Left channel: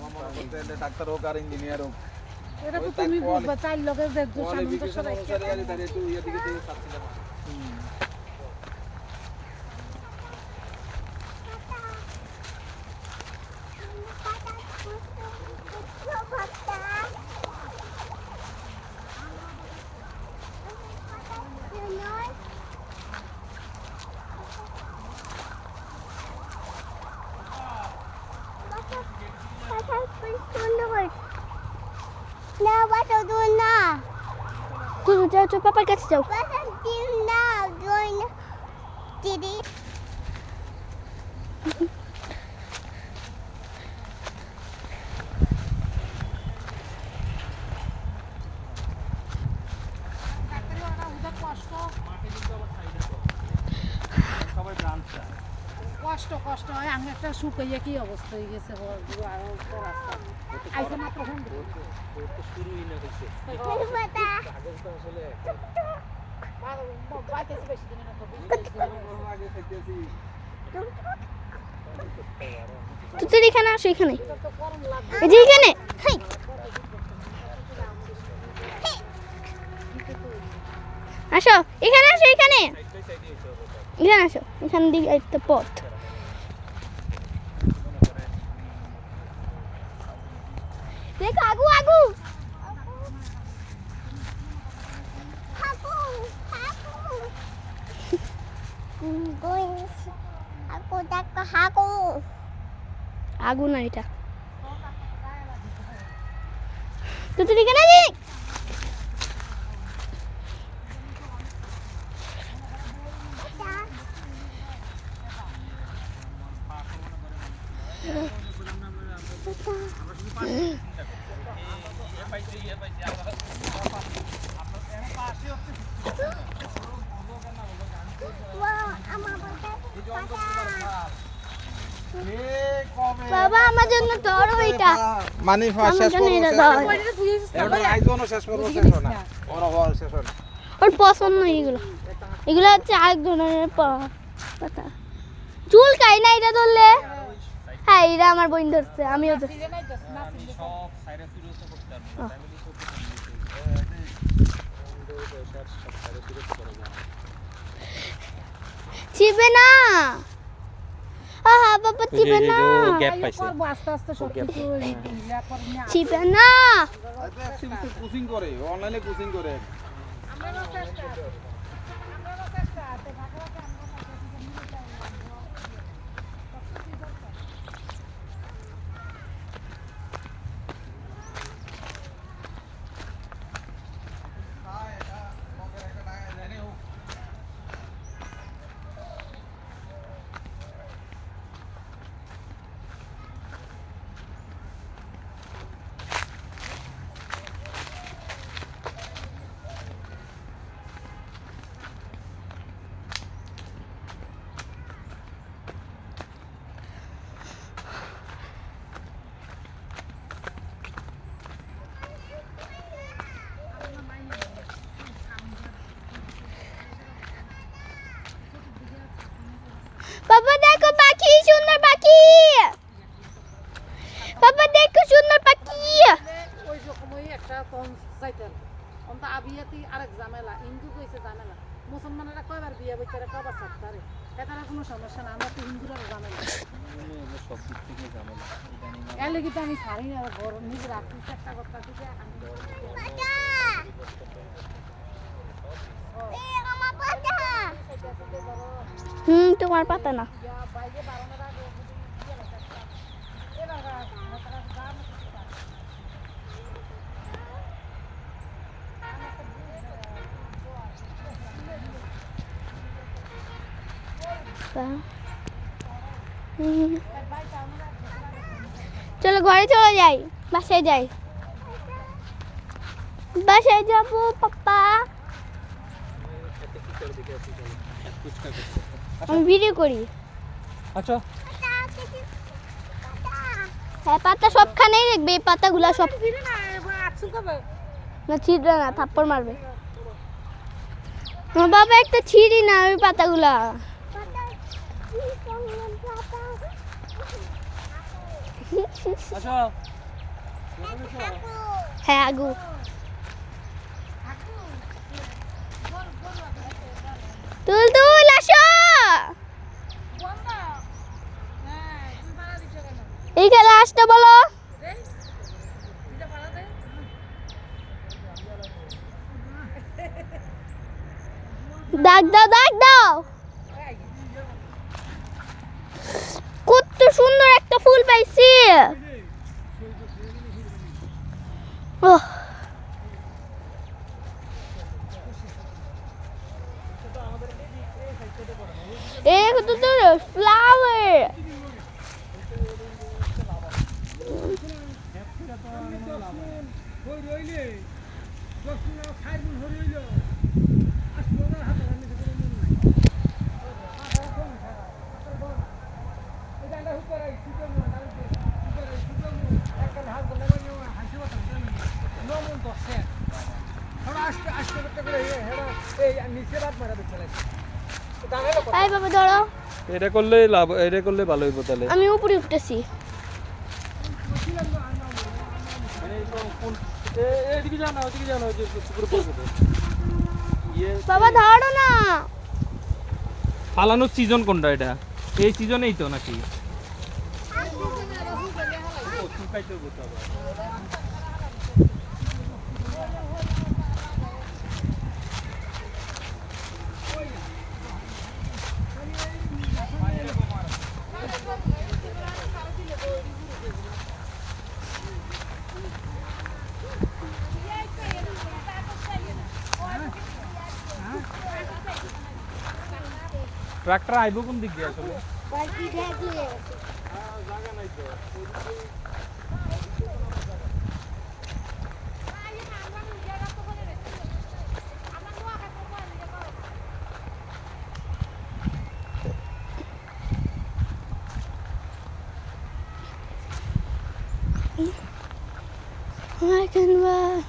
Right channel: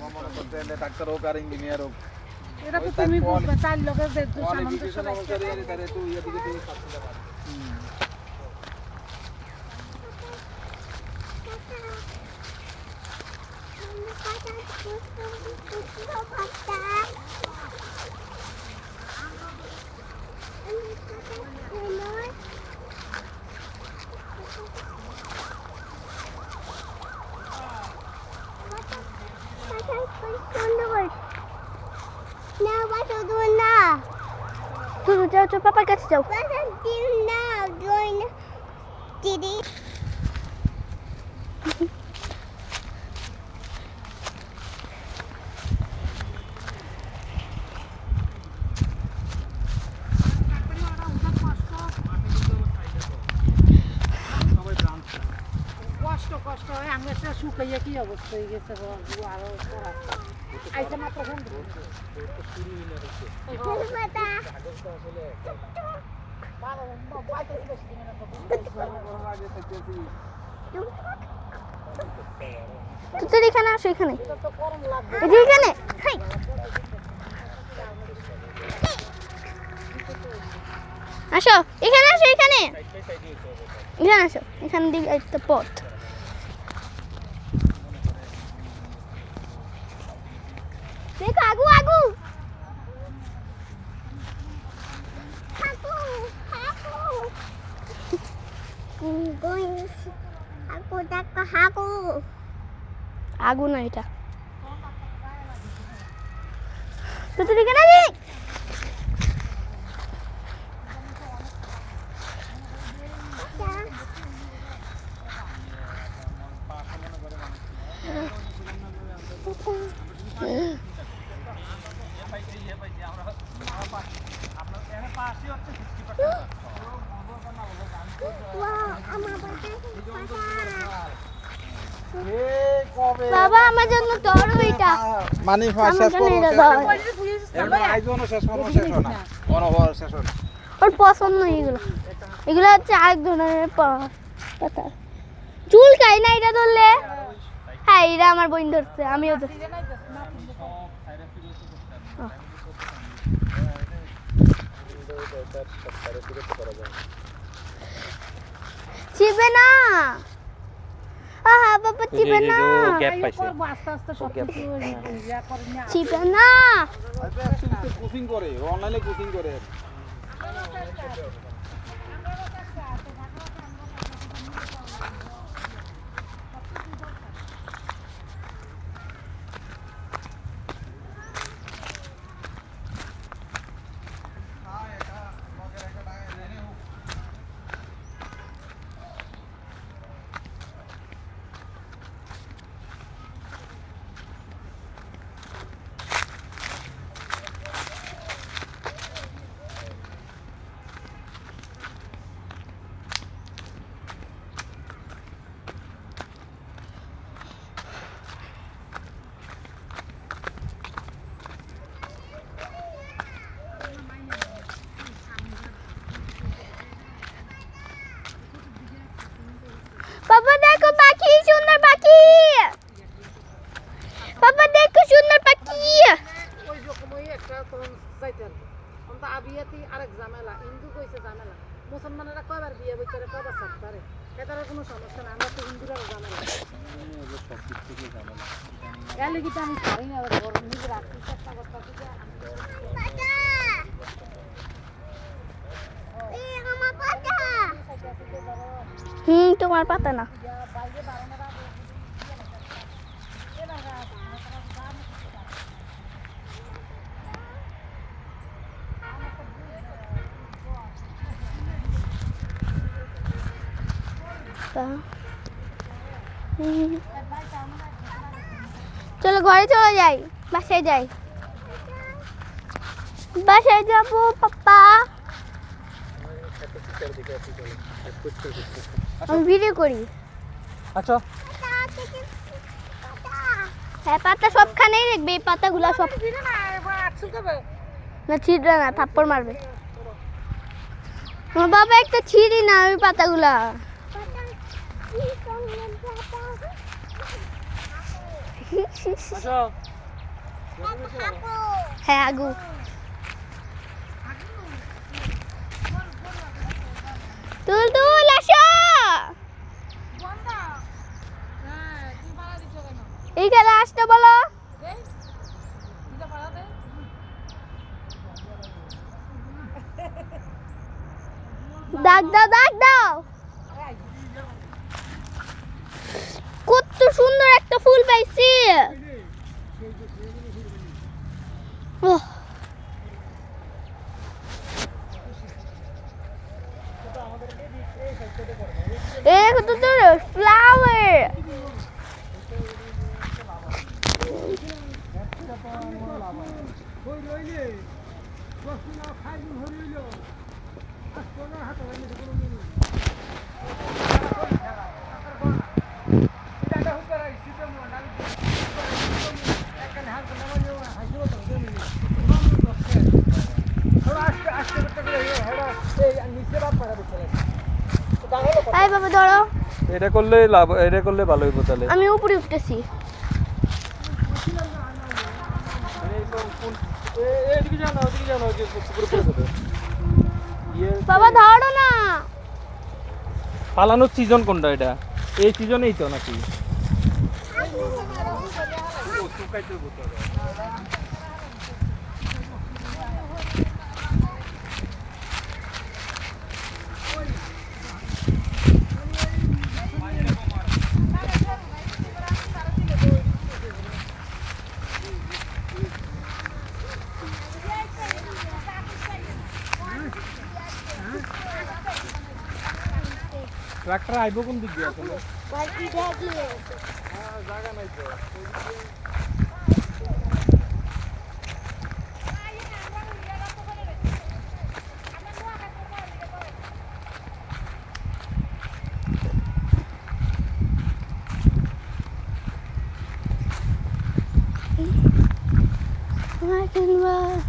আমার মনে করতে এলে ডাক্তার হোক আর ইঞ্জিনিয়ার হোক এটা তো তুমি বুঝবে চার লোকের যে কোয়ালিফিকেশন অনুসারে আর তারে তো ইয়া দিকে তো পাচ্ছিলাম আর যাও তো পাপার কাছে যাও কষ্ট কষ্ট হয় আমি একটা শুকাইয়া কি অবস্থা হয়ে গেছে আরো আইসা মাত্র ফোন শুরুই না হচ্ছে কাগজটা আসলে তুই এখানে আসো এখানে এই যে এখানে আসো এখানে আসো এখানে এখানে আসো এখান দিকে একটা পথ দেখো আগু আগু আগু না এটা তুই এখানে আছি বাবা আমার জন্য ধরো এটা মানে শেষ করব শেষ করব শেষ না শেষ হবে ওর পছন্দ এগুলো এগুলো হচ্ছে আরেক ধরনের পাতা চুল কাই না এটা ধরলে হ্যাঁ এটা আমার বোন ধরছে আমিও ধরছি চিবে না আহা বাবা চিবে না গ্যাপ পাইছে আস্তে আস্তে সব কিছু ইয়া করে না চিবে না আইপা অ্যাকচুয়ালি কোচিং করে অনলাইনে কোচিং করে বাবা দেখো পাখি সুন্দর পাখি বাবা দেখো সুন্দর পাখি ওই রকমই একটা কোন যাইতেন অন্ত আবিয়াতি আরেক ঝামেলা হিন্দু কইছে ঝামেলা মুসলমানেরা কয়বার বিয়ে বইতারে কয়বার ছাড়তারে এটার কোনো সমস্যা না আমরা তো হিন্দুরা ঝামেলা এগুলো সব দিক থেকে ঝামেলা এর লাগি তো আমি ছাড়ি না ঘর নিজে রাখতে চেষ্টা করতেছি যে তোমার পাতা না চলো ঘরে চলে যাই বাসায় যাই বাসায় যাবো পাপ্পা আমি ভিডিও করি আচ্ছা হ্যাঁ পাতা সবখানেই দেখবে এই পাতাগুলা সব না ছিঁড়বে না থাপ্পড় মারবে আমার বাবা একটা ছিঁড়ি না ওই পাতাগুলা আসো হ্যাঁ আগু তুল তুল আসো এই খেলা আসতে বলো দাগ দাও দাগ দাও কত সুন্দর একটা ফুল পাইছি ওহ एक तो फ्लावर আই বাবা ধরো এটা করলে লাভ, এটা করলে ভালো হইব তাহলে। আমি উপরে উঠতেছি এদিকে যাও না, ওদিকে যাও না, ওদিকে পুকুরে পড়বে তো। বাবা ধরো না পালানোর সিজন কোনটা এটা? এই সিজনেই তো নাকি? ট্রাক্টর আইব কোন দিক দিয়ে আসলে? জায়গা নাই তো। I can run.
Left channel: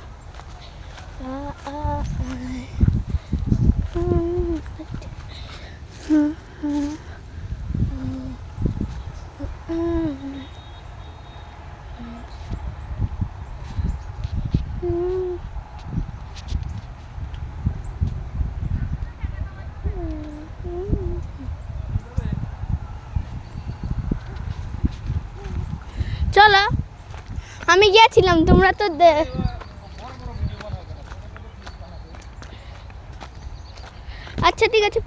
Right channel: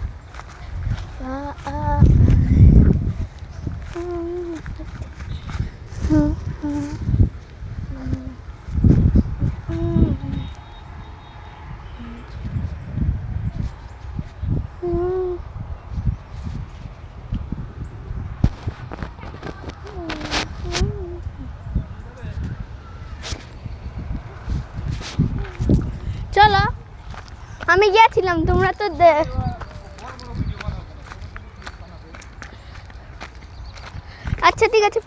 চলো আমি গিয়েছিলাম তোমরা তো আচ্ছা ঠিক আছে